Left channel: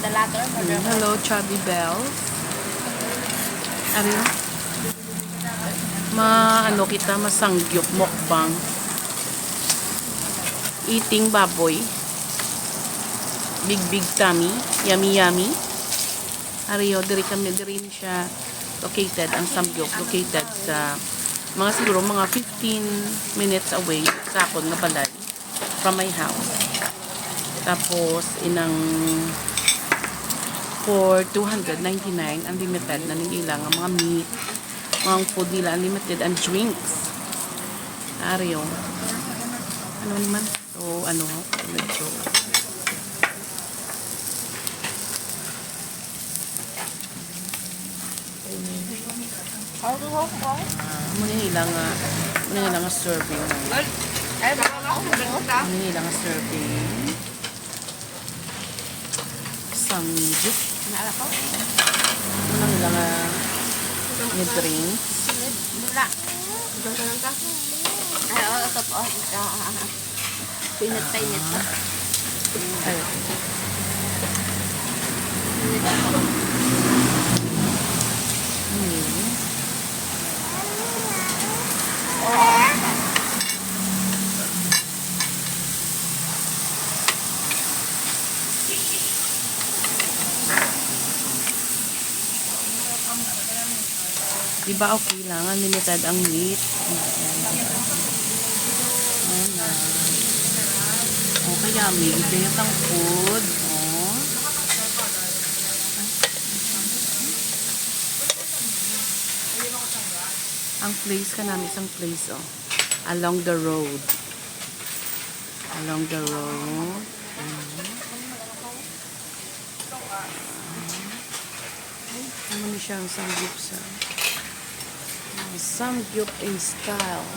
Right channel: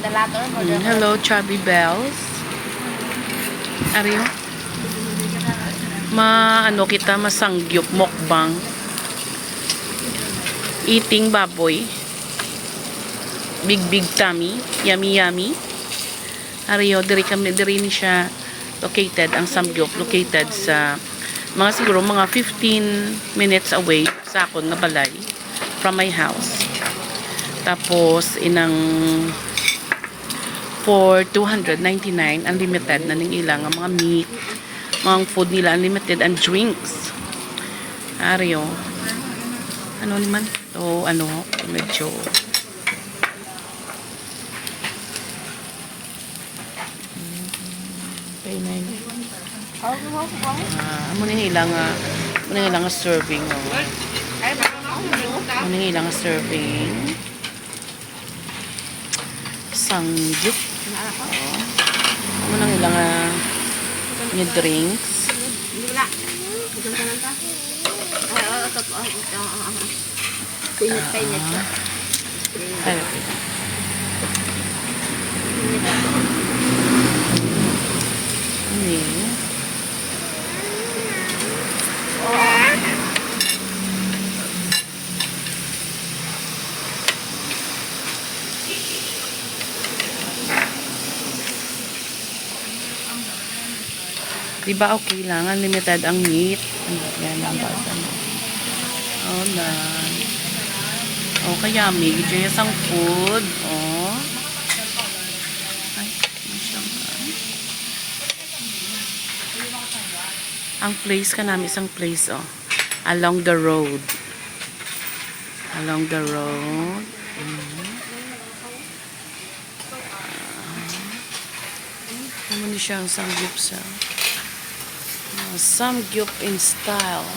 Hello, Chubby Bells. Ari, ano kita masangyup mukbang. Eating baboy. Big tummy. Yummy. Ariyo, diri ni siya located, ang samgyup located sa siguro mga 15 minutes away sa akon nga balay from my house. Tapos inang for 299 unlimited na ning ilang mga meat, mga food nila unlimited and drinks. Ariyo. Ano naman? So, medyo muna ilang serving. Muna ilang serving. Sanggit. Muna ilang may drinks. Pinit pa. Diba okay lang? Unlimited ang meat. Oh, kaya may ito yung food. Oh. Ang place ka namin, isang place, oh. Along the road. Ano niya siya ang samgyup sa samgyup in style.